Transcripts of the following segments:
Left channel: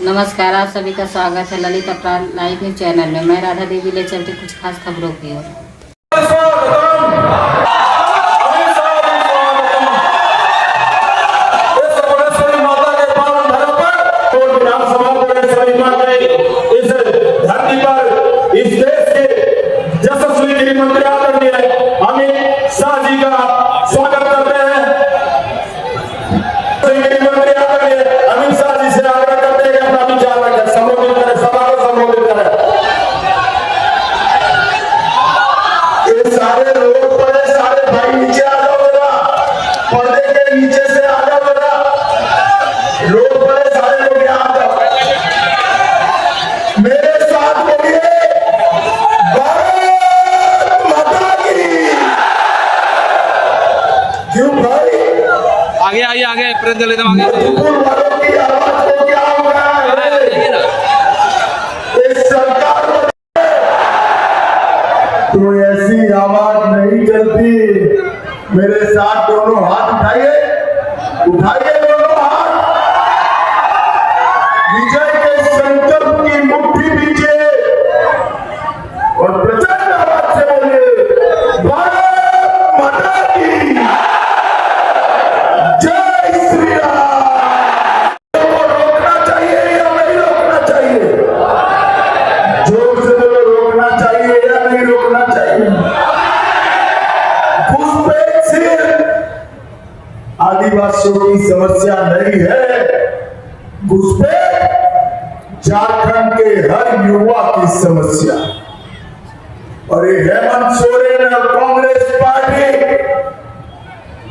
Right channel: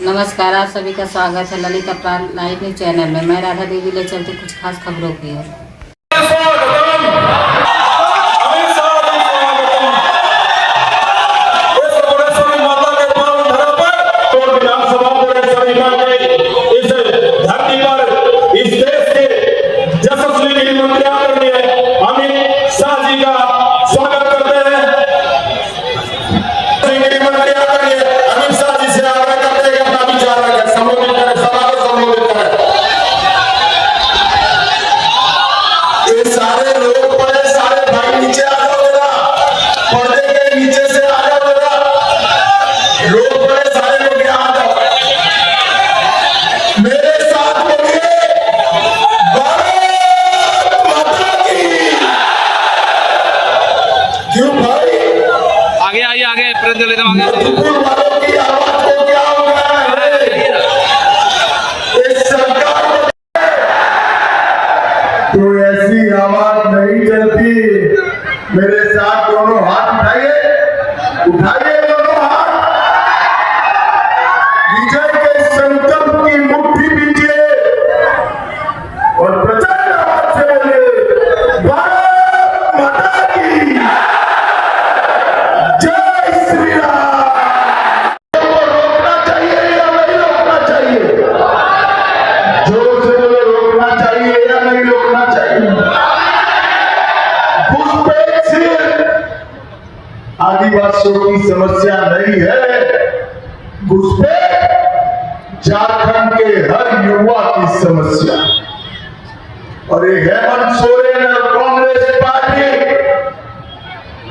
नमस्कार, आप सभी का स्वागत है ललित अपराध लाइव न्यूज चैनल में। मैं राधा देवी ले चलती कुछ खास खबरों की ओर। आगे आइए आगे प्रेस ले आगे तो ऐसी आवाज नहीं चलती। मेरे साथ दोनों हाथ उठाइए, उठाइए दोनों हाथ। विजय के संकल्प की मुट्ठी पीछे और प्रचंड आवाज से बोले भारत माता की जय श्री राम। को रोकना चाहिए या नहीं रोकना चाहिए? जोर से बोलो, रोकना चाहिए या नहीं रोकना चाहिए? घुसपैठ सिर्फ आदिवासियों की समस्या नहीं है, घुसपैठ झारखंड के हर युवा की समस्या। और ये हेमंत सोरेन और कांग्रेस पार्टी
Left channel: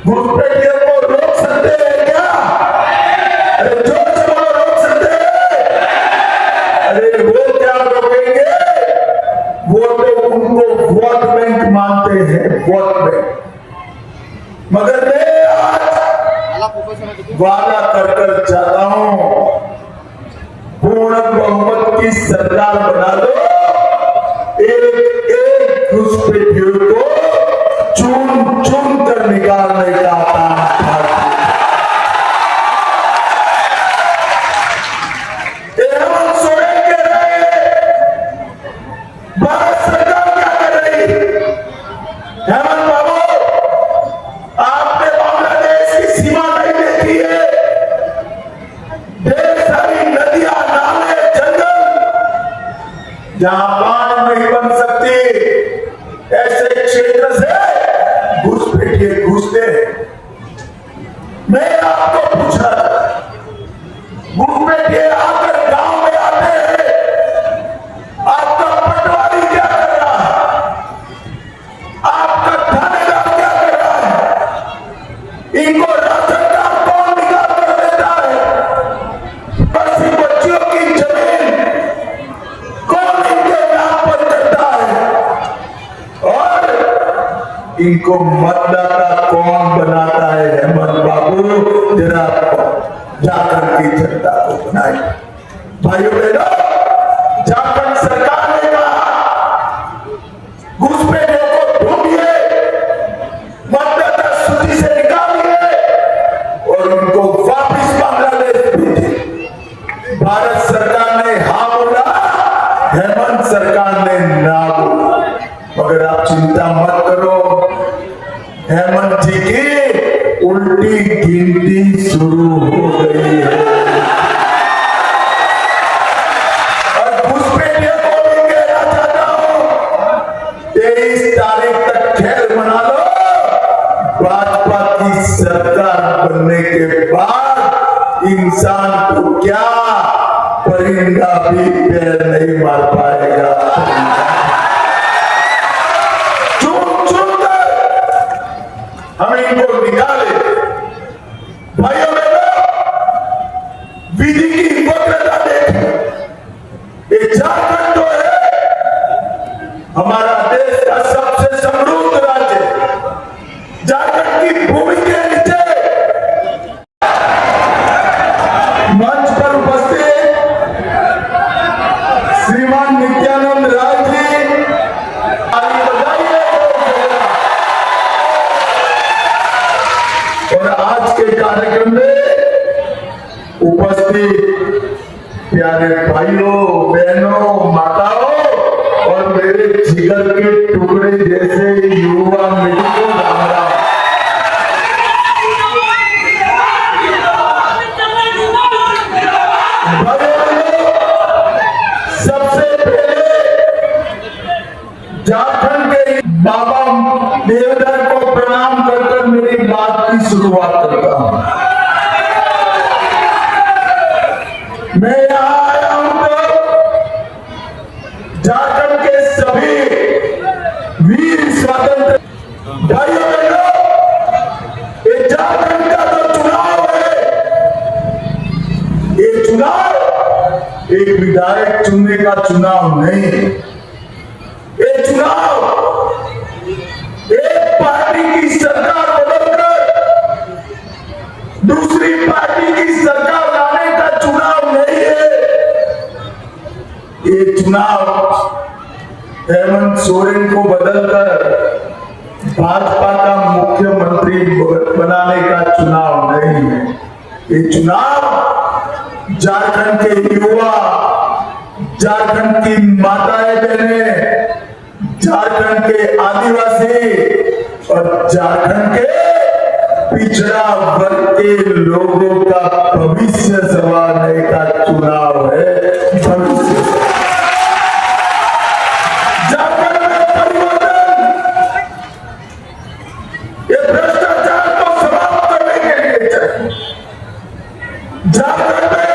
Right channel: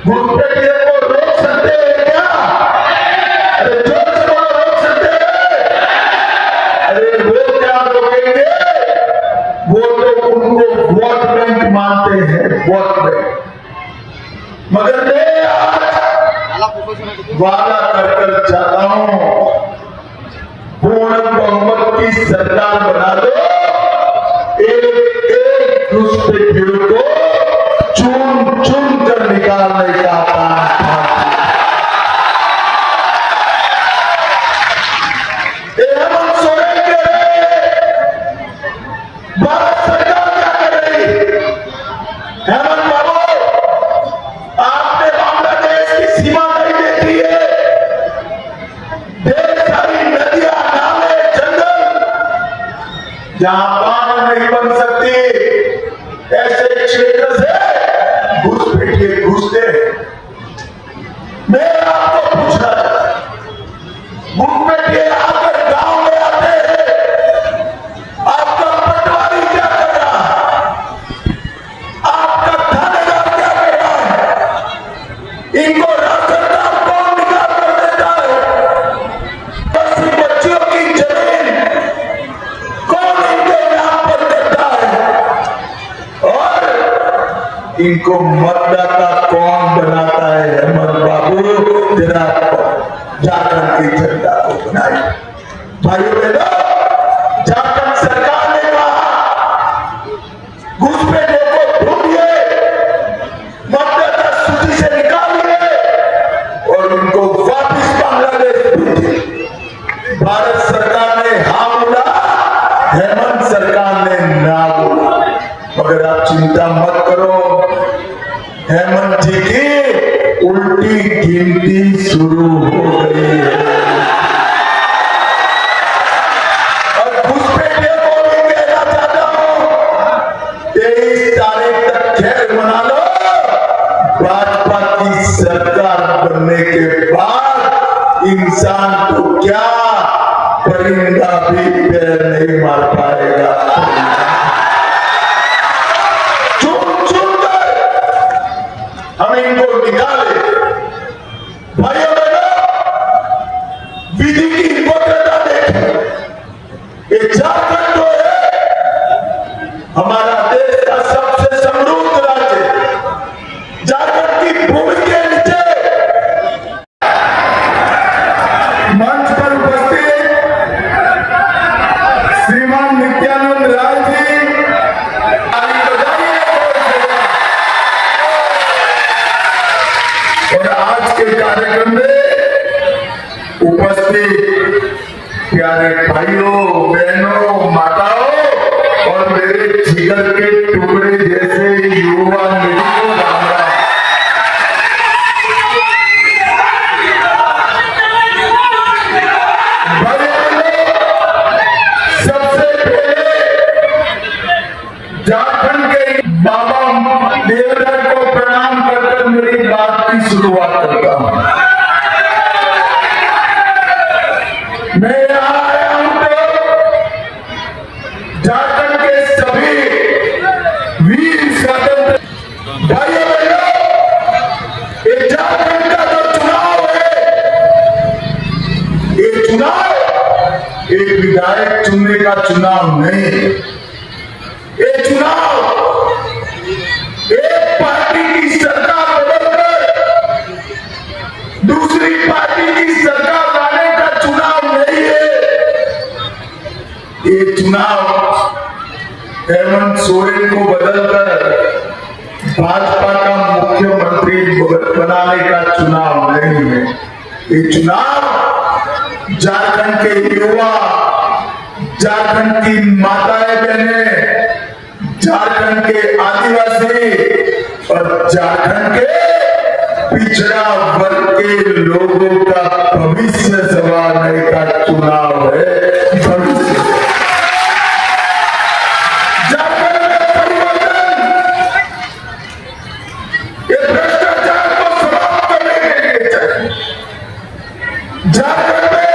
घुसपैठियों को रोक सकते हैं क्या? अरे जोर से बोलो, रोक सकते हैं? अरे वो क्या रोकेंगे? वो तो उनको वोट बैंक मानते हैं, वोट बैंक। मगर मैं आज वादा कर जाता हूं, पूर्ण बहुमत की सरकार बना दो। एक एक घुसपैठियों को चुन चुन कर निकालने का काम हेमंत सोरेन के भारत सरकार क्या कर रही? हेमंत बाबू, आपने बांग्लादेश की सीमा नहीं देखी है? ढेर सारी नदियां, नाले, जंगल जहां बांध नहीं बन सकती, ऐसे क्षेत्र से घुसपैठिए घुसते हैं। मैं आपको पूछ रहा था, घुसपैठिए आकर गांव में आते हैं, आपका पटवारी क्या कर रहा है? आपका थानेदार क्या कर रहा है? इनको राशन कार्ड कौन निकाल कर देता है? बस्ती बच्चियों की जमीन कौन इनके नाम पर देता है? और इनको मतदाता कौन बनाता है? हेमंत बाबू, जरा झारखंड की जनता को बनाए। भाइयों बहनों, झारखंड सरकार ने कहा घुसपैठियों को ढूंढिए, मतदाता सूची से निकालिए और उनको वापस बांग्लादेश भेजिए। भारत सरकार ने हाँ बोला, हेमंत सरकार ने ना बोला। मगर आप चिंता मत करो, हेमंत जी की उल्टी गिनती शुरू हो गई है। और घुसपैठियों को भी कहना चाहता हूं, 23 तारीख तक खेल मना लो। भाजपा की सरकार बनने के बाद इंसान को क्या परिंदा भी पैर नहीं मार पाएगा। हम इनको निकाले। भाइयों बहनों, विधि की वक्रता देखें। ये झारखंड जो है हमारा देश का सबसे समृद्ध राज्य, झारखंड की भूमि के नीचे मंच पर उपस्थित श्रीमान नित्यानंद राय जी, और आज के कार्यक्रम में उपस्थित प्यारे भाइयों, बहनों, माताओं और मेरे जिगर के टुकड़े जैसे युवा मित्रों, राम राम। सबसे पहले झारखंड के बाबा देवधर को प्रणाम कर मेरी बात की शुरुआत करता हूं। मैं यहां आया हूं तो झारखंड के सभी वीर स्वतंत्र भाइयों बहनों, ये झारखंड का जो चुनाव है, ये चुनाव एक विधायक चुनने का चुनाव नहीं है। ये चुनाव एक पार्टी की सरकार बदलकर दूसरी पार्टी की सरकार लाने का चुनाव नहीं है। ये चुनाव हेमंत सोरेन को बदलकर भाजपा का मुख्यमंत्री बनाने का चुनाव नहीं है। ये चुनाव झारखंड के युवा, झारखंड की माताएं बहनें, झारखंड के आदिवासी और झारखंड के पिछड़ा वर्ग के लोगों का भविष्य संवारने का चुनाव है। भविष्य झारखंड में परिवर्तन, ये भ्रष्टाचार को समाप्त करने के लिए चाहिए। झारखंड में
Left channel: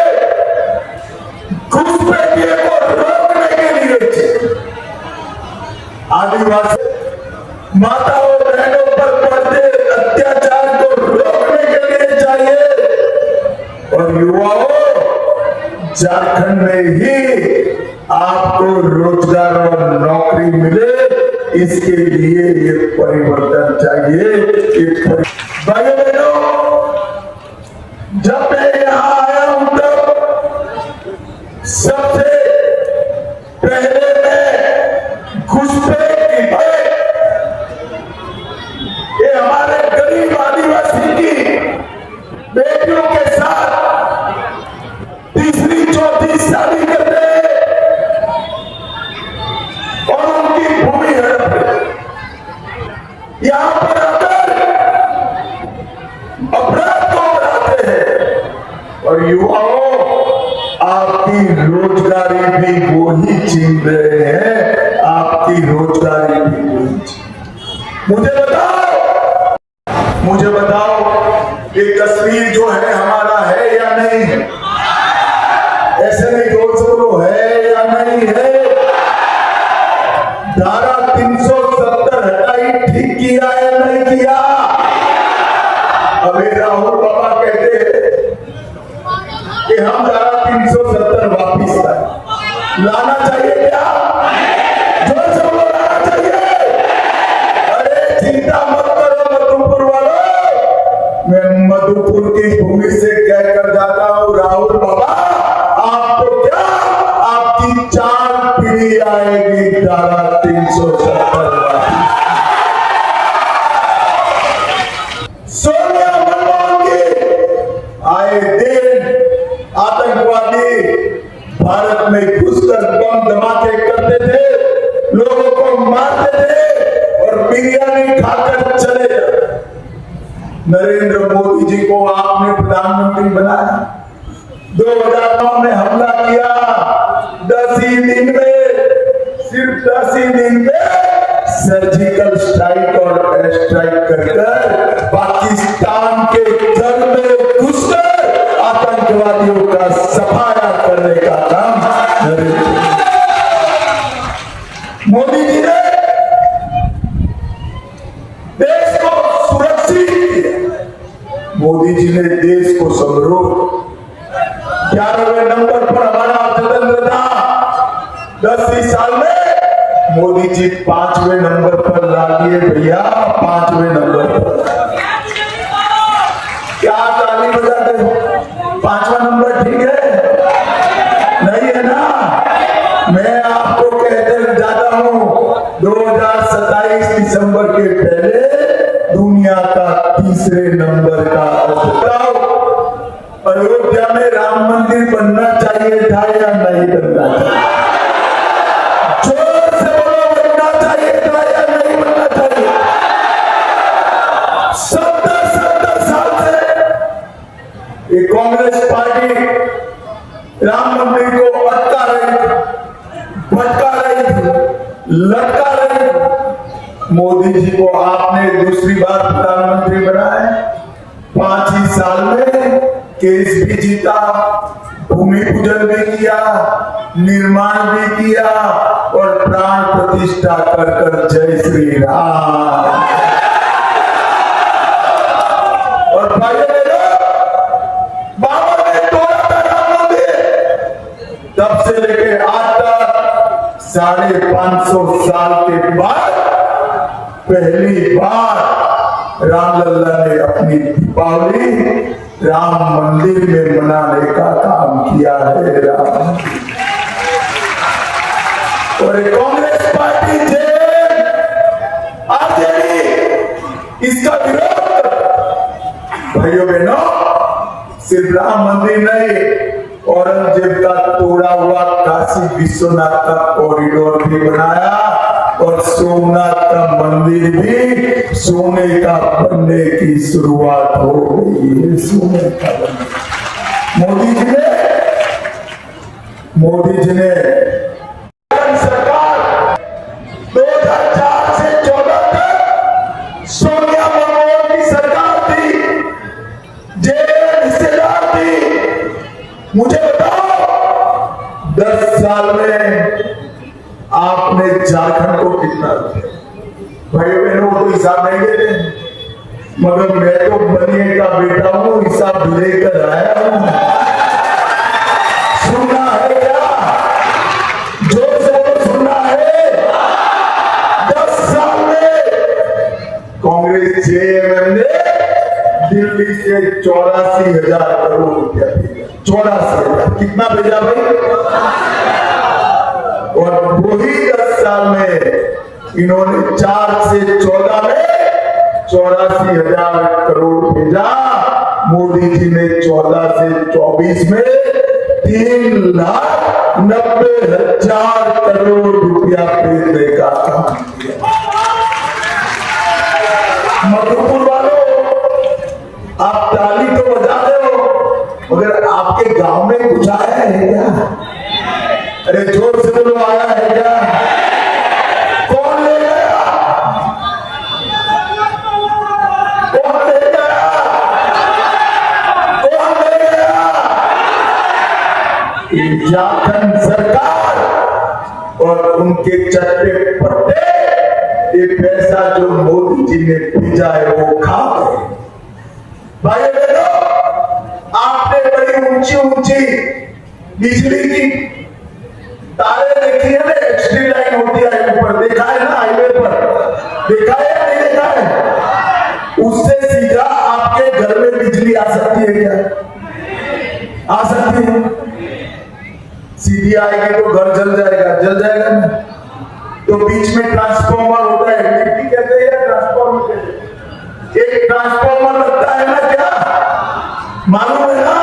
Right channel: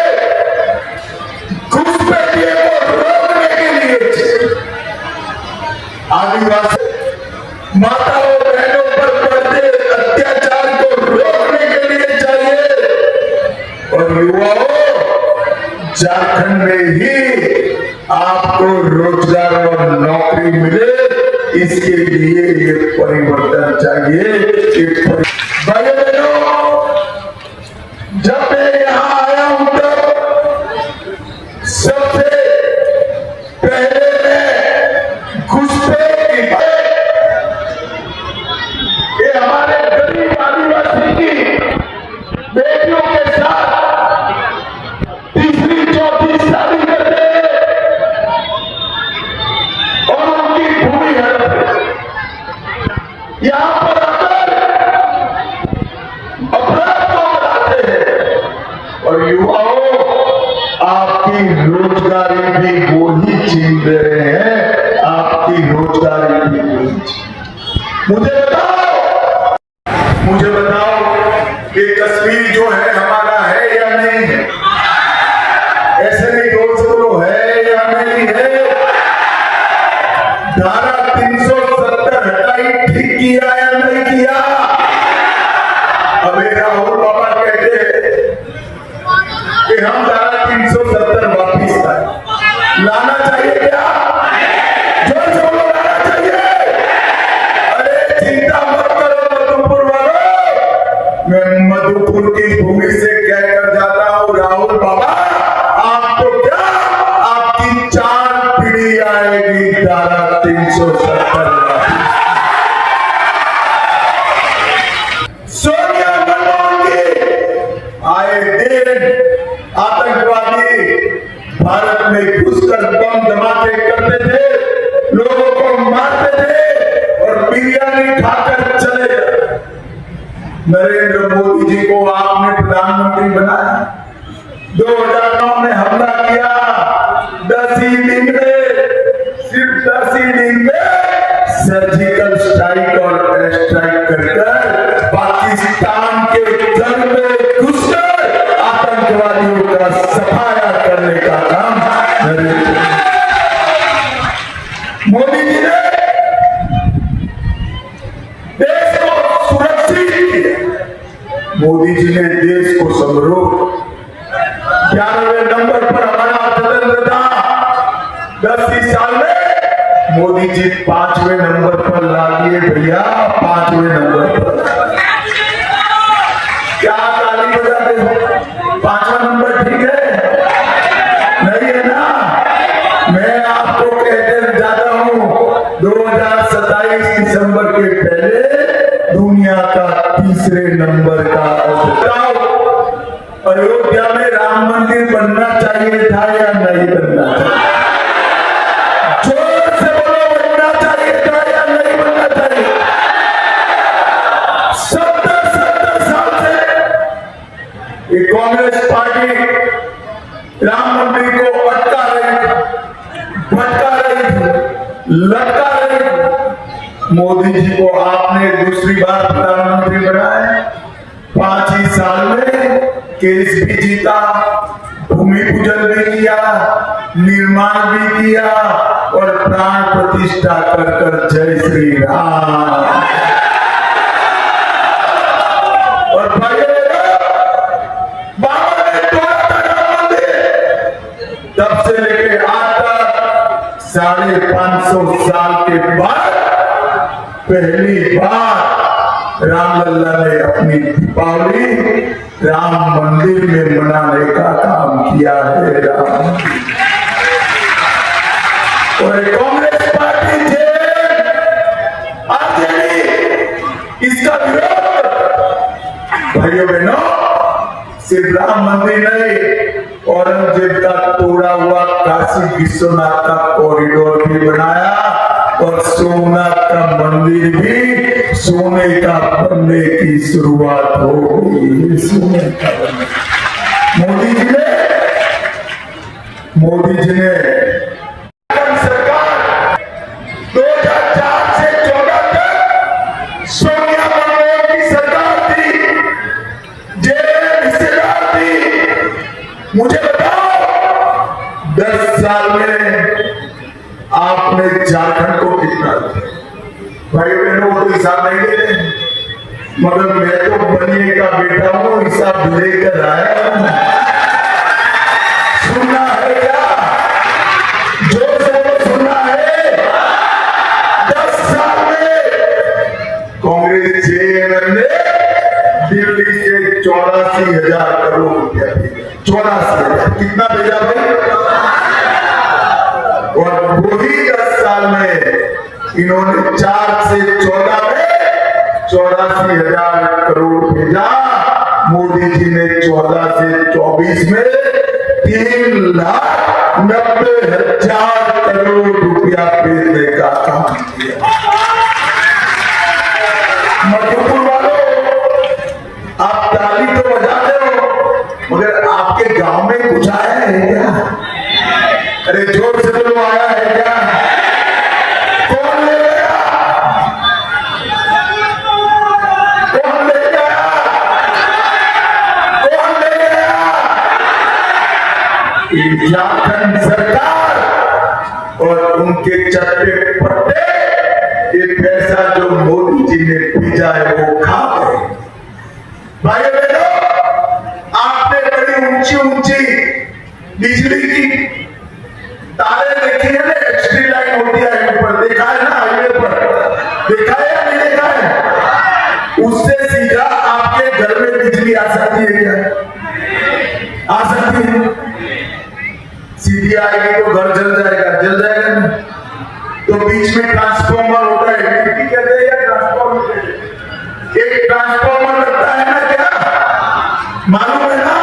घुसपैठिए को रोकने के लिए चाहिए। आदिवासी माताओं बहनों पर बढ़ते अत्याचार को रोकने के लिए चाहिए। और युवाओं, झारखंड में ही आपको रोजगार और नौकरी मिले, इसके लिए ये परिवर्तन चाहिए। भाइयों बहनों, जब मैं यहां आया हूं तो सबसे पहले मैं घुसपैठ की बात, ये हमारे गरीब आदिवासी की बेटियों के साथ तीसरी चौथी शादी करते हैं और उनकी भूमि हड़प है। यहां पर आकर अपराध को बढ़ाते हैं और युवाओं, आपकी रोजगारी भी वो ही छीन रहे हैं। आपकी रोजगारी भी वो ही छीन। मुझे बताओ कि कश्मीर जो है हमारा है या नहीं है? ऐसे नहीं जोर से बोलो, है या नहीं है? धारा 370 हटाई, ठीक किया या नहीं किया? अबे राहुल बाबा कहते हैं कि हम धारा 370 वापिस लाए। लाना चाहिए क्या? जोर से बोलो, लाना चाहिए। अरे चिंता मत करो मधुपुर वालों, मैं मधुपुर की भूमि से कहकर जाता हूं, राहुल बाबा आपको क्या, आपकी 4 पीढ़ी आएगी धारा 370 वापिस। सोनिया गांधी आए दिन आतंकवादी भारत में घुसकर बम धमाके करते थे, लोगों को मारते थे और बिरयानी खाकर चले गए। नरेंद्र मोदी जी को आपने प्रधानमंत्री बनाया, 2009 में हमला किया, 10 ही दिन में, सिर्फ 10 ही दिन में सर्जिकल स्ट्राइक और एयर स्ट्राइक कर पाकिस्तान के घर में घुसकर आतंकवादियों का सफाया करने का काम मोदी जी ने देश को सुरक्षित किया। मोदी जी ने देश को समृद्ध, 11वें नंबर पर हमारा अर्थतंत्र था। 10 ही साल में मोदी जी 5वें नंबर पर ला दिए भैया, 5वें नंबर पर। क्या ताली बजाते हो? 5वां नंबर ठीक है? नहीं है ना? मैं आपको कहते जाता हूं, 2027 दिसंबर के पहले दुनिया का 3रे नंबर का। अयोध्या में राम मंदिर बनना चाहिए। चाहिए था या नहीं बनना चाहिए? जोर से बोलो, बनना चाहिए था या नहीं बनना चाहिए? 70 साल से ये कांग्रेस पार्टी राम मंदिर को अटका रही, भटका रही, लटका रही। मोदी जी को आपने दूसरी बार प्रधानमंत्री बनाया, 5 ही साल में केस भी जीता, भूमि पूजन भी किया, निर्माण भी किया और प्राण प्रतिष्ठा कर कर जय श्री राम। और भाई बाबा ने तोड़ा था राम मंदिर, तब से लेके आज तक 550 साल के बाद पहली बार रामलला ने अपनी दीपावली राम मंदिर में मनाने का काम किया है। राम और कांग्रेस पार्टी आरजेडी इसका विरोध, भाइयों बहनों, सिर्फ राम मंदिर नहीं, औरंगजेब का तोड़ा हुआ काशी विश्वनाथ का कॉरिडोर भी बनाया और सोमनाथ का मंदिर भी सोने का बनने की शुरुआत हो गई। सोने का मोदी जी ने सरकार 2004 से 14 तक सोनिया मनमोहन की सरकार थी, जेल हिस्सेदार थी। मुझे बताओ 10 साल में आपने झारखंड को कितना दिया? भाई बहनों को तो हिसाब नहीं देते, मगर मैं तो बनिए का बेटा हूं, हिसाब लेकर आया हूं। सुनना है क्या? जोर से बोलो, सुनना है? 10 साल में कांग्रेस जेएमएम ने दिल्ली से 84,000 करोड़ रुपया दिया। 84,000 कितना भेजा भाई? और वही 10 साल में इन्होंने 4 से 14 में 84,000 करोड़ भेजा। मोदी जी ने 14 से 24 में 3,90,000 करोड़ रुपया भेजने का काम किया। मधुपुर वालों, आप ताली तो बजाते हो, मगर आपके गांव में कुछ आया है क्या? अरे जोर से बोलो, आया है क्या? कौन ले गया? कौन ले गया? कौन ले गया? झारखंड सरकार और उनके चट्टे पट्टे ये पैसा जो मोदी जी ने भेजा है वो खा गए। भाई बहनों, आपने बड़ी ऊंची ऊंची बिजली की तारे देखी है ना, एक्सट्री लाइन होती है ऊपर, देखा है ना हाईवे पर, देखा है या नहीं देखा है? उससे सीधा आपके घर में बिजली आ सकती है क्या? आ सकती है? सीधी आएगी तो घर जल जाएगा ना? तो बीच में ट्रांसफॉर्मर होता है, टीपी कहते हैं या ट्रांसफॉर्मर कहते हैं? एक ट्रांसफॉर्मर लगता है ना, क्या मालूम है ना?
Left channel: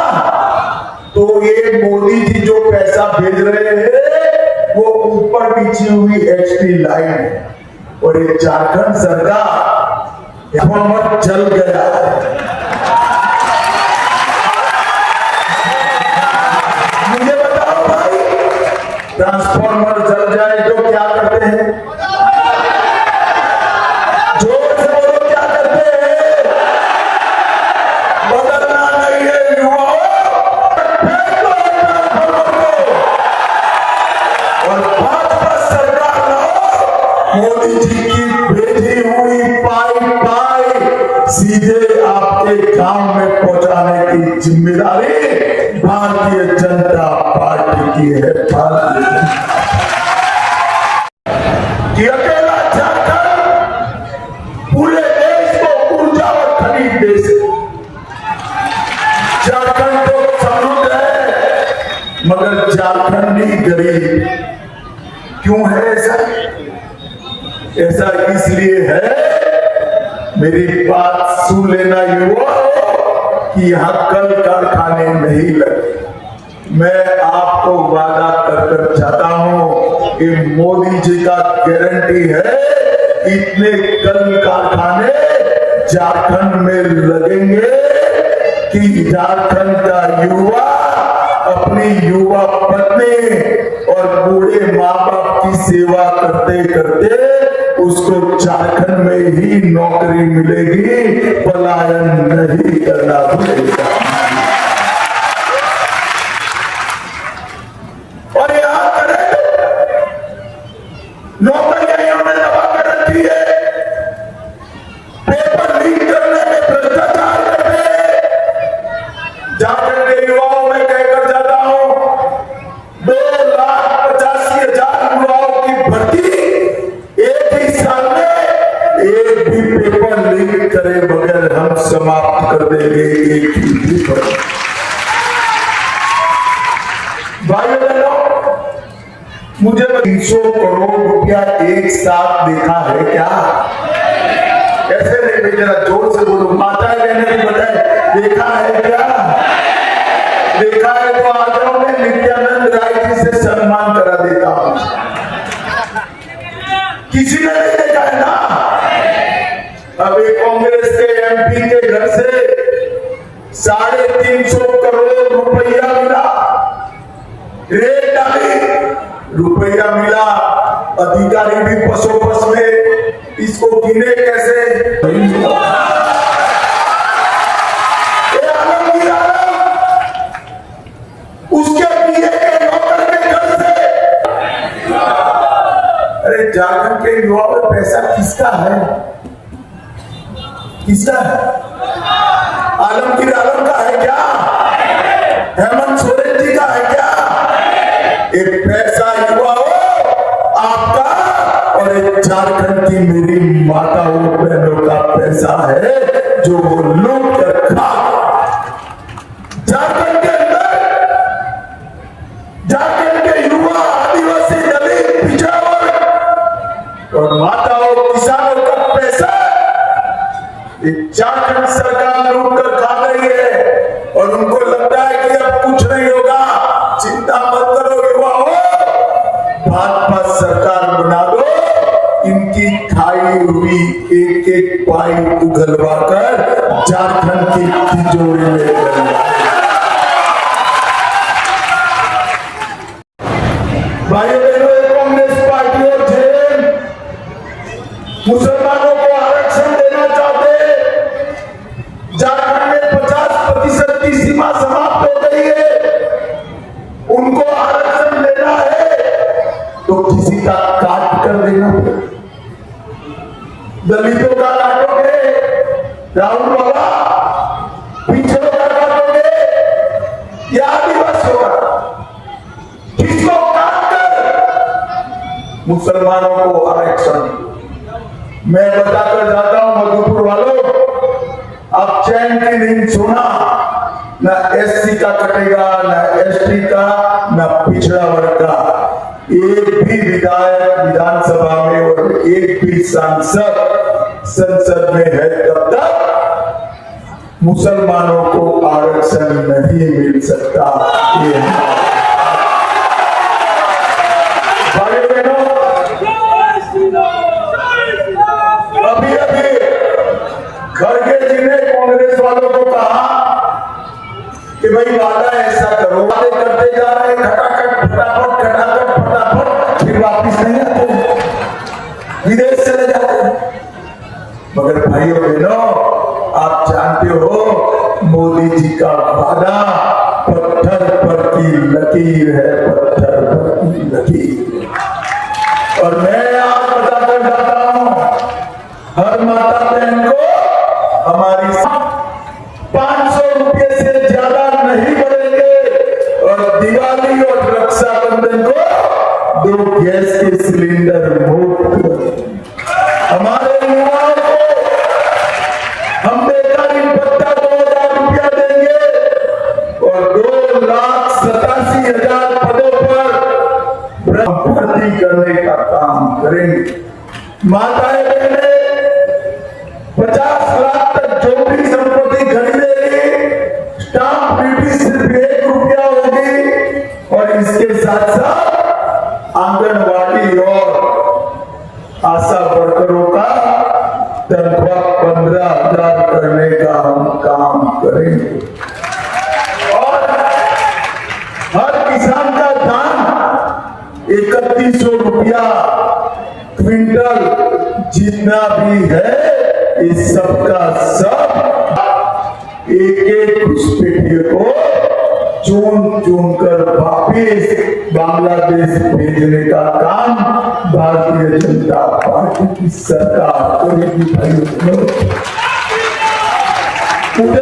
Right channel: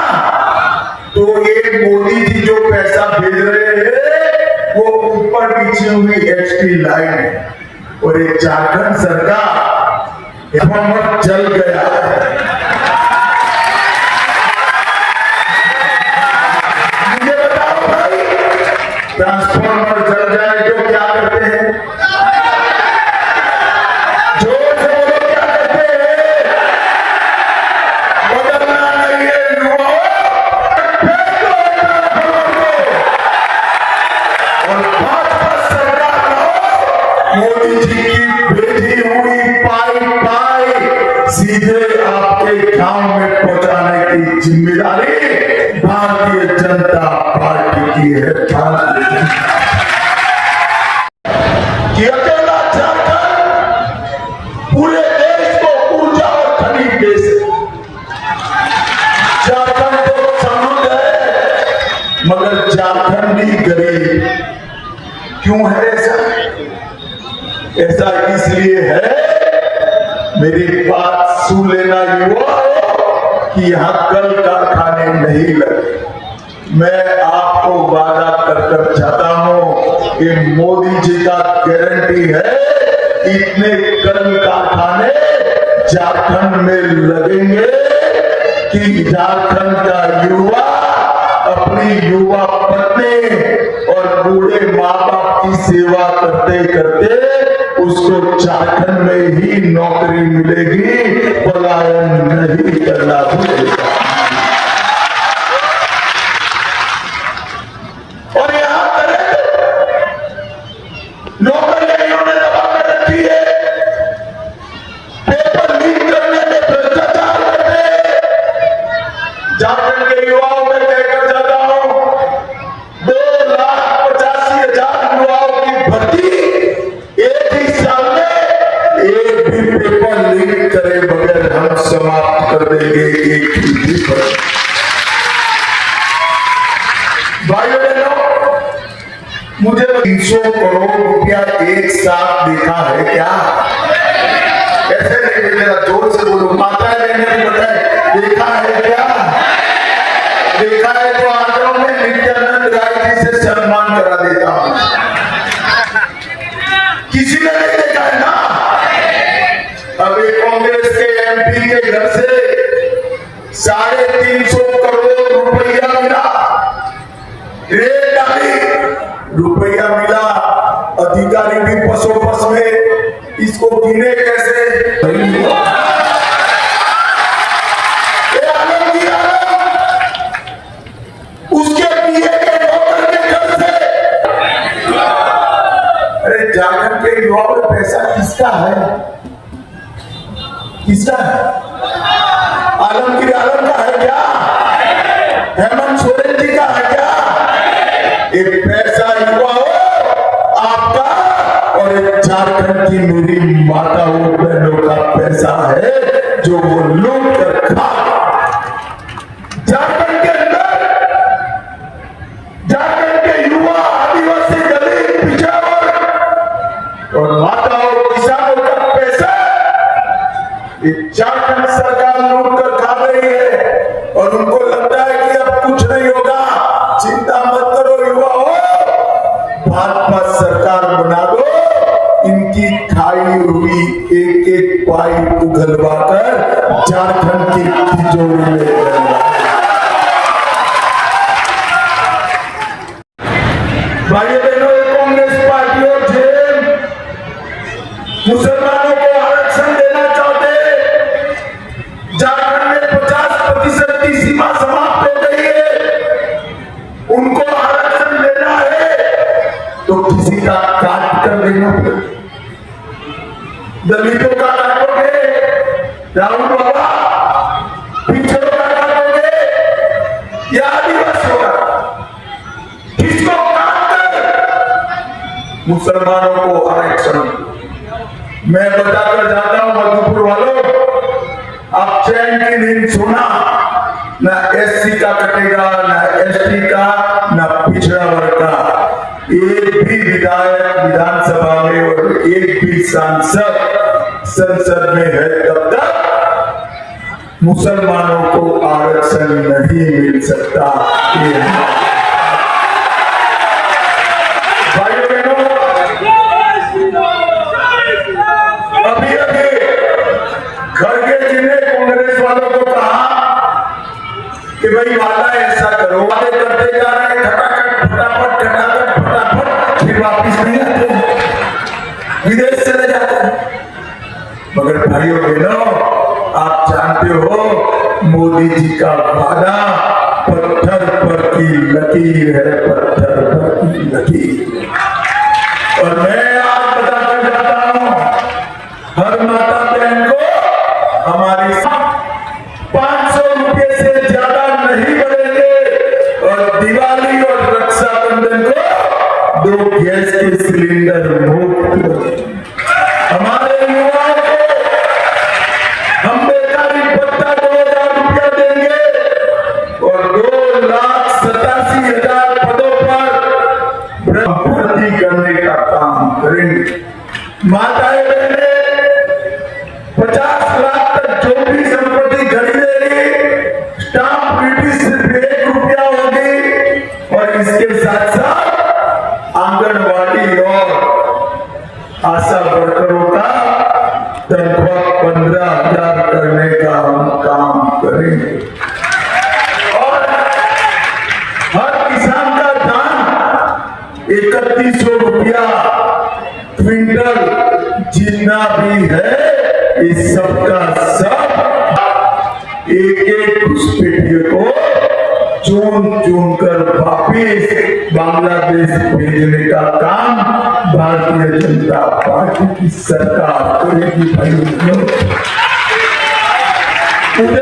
तो ये मोदी जी जो पैसा भेज रहे हैं वो ऊपर पीछे हुई एचटी लाइन है, और ये झारखंड सरकार ट्रांसफॉर्मर जल गया है। मुझे बताओ भाई, ट्रांसफॉर्मर जल जाए तो क्या करते हैं? जोर से बोलो, क्या करते हैं? बदलना नहीं है युवाओं, मोदी जी की भेजी हुई पाई सीधे आपके गांव में पहुंचाने की जिम्मेदारी भारतीय जनता पार्टी की है। कि अकेला झारखंड पूरे देश को ऊर्जा और खनिज दे सके। झारखंड तो समृद्ध है, मगर झारखंडी गरीब क्यों है? ऐसा इसलिए है, मेरी बात सुन लेना युवा, कि यहां कल कारखाने नहीं लगे, मैं आपको वादा कर चाहता हूं कि मोदी जी का गारंटी है इतने कल कारखाने झारखंड में लगेंगे कि झारखंड का युवा अपनी युवा पत्नी और बूढ़े माँ बाप की सेवा करते करते उसको झारखंड में ही नौकरी मिलेगी, पलायन नहीं करना पड़ेगा। और यहां करें नौकरियां इन्होंने दबा कर रखी है, पेपर लीक करने में भ्रष्टाचार करते। झारखंड के युवाओं में कहकर जाता हूं 2,85,000 युवाओं की भर्ती एक ही साल में एक भी पेपर लीक करे बगैर हम समाप्त कर देंगे। एक ही पेपर। भाइयों बहनों, मुझे 300 करोड़ रुपया एक साथ देखा है क्या? ऐसे नहीं, जरा जोर से बोलो, माता बहने भी बताए, देखा है क्या? देखा है तो आ जाओ, मैं नित्यानंद राय जी से सम्मान करा देता हूं। किसी ने नहीं देखा है ना? अभी कांग्रेस के एमपी के घर से 350 करोड़ रुपया मिला, रेट डाली, रुपया मिला, अधिकारी भी पसोपस में, इसको गिने कैसे? नहीं मिला। उसके पीए के नौकर के घर से। अरे झारखंड के युवाओं में पैसा किसका है? किसका है? आलमगीर आलम का है क्या? हेमंत सोरेन जी का है क्या? एक पैसा युवाओं आपका और एक झारखंड की मेरी माताओं बहनों का पैसा है जो वो लूट कर खा। झारखंड के अंदर झारखंड के युवा, आदिवासी, दलित, पिछड़ा और माताओं किसानों का पैसा झारखंड सरकार लूट कर खा रही है और उनको लगता है कि अब कुछ नहीं होगा। चिंता मत करो युवाओं, भाजपा सरकार बना दो, इनकी खाई हुई एक एक पाइप उगलवा कर झारखंड की तिजोरी में डालना। भाइयों बहनों, कांग्रेस पार्टी और जेल मुसलमानों को आरक्षण देना चाहते। झारखंड में 50% की सीमा समाप्त हो गई है, उनको आरक्षण देना है तो किसी का काट कर देना पड़ेगा। दलितों का काटोगे राहुल बाबा, पिछड़ों का काटोगे या आदिवासियों का? किसको काट कर मुसलमानों को आरक्षण? मैं बताकर जाता हूं मधुपुर वालों, अब चैन की नींद सोना, ना एससी का कटेगा, ना एसटी का, ना पिछड़ा वर्ग का। एक भी विधायक विधानसभा में और एक भी सांसद संसद में है तब तक मुसलमानों को आरक्षण नहीं मिल सकता। भाई बहनों, अभी अभी खड़गे जी ने कांग्रेस वालों को कहा कि भाई वादा ऐसा करो, वादे करते जा रहे खटाखट फटाफट खटाखट फटाफट, फिर वापिस नहीं आते, विदेश चले जाते। मगर भाइयों बहनों, आप जानते हो मोदी जी का वादा पत्थर पर की लकीर है, पत्थर पर की लकीर। और मैं आप बताकर जाता हूं, हर माता बहन को हमारी 500 रुपए से ज्यादा नहीं बढ़ेंगे और दिवाली और रक्षाबंधन को 2 गैस के सिलेंडर मुफ्त। हमारे युवाओं को हम बेकारी भत्ता 2,000 रुपया देंगे और 2,87,000 पदों पर भर्ती करने का काम करेंगे। माताएं बहने 50 लाख तक जो भी संपत्ति खरीदेगी, स्टाम्प ड्यूटी सिर्फ 1 रुपया होगी। इसके साथ साथ आंगनवाड़ी और आशा वर्करों का तनख्वाह 15,000 करने का हम काम करेंगे और हर किसान का दाम 3100 रुपया क्विंटल जितना भी है इस सबका सब एक घुसपैठिए को चुन कर वापिस बांग्लादेश भेजने का काम भारतीय जनता पार्टी की सरकार करेगी। भाइयों मुझे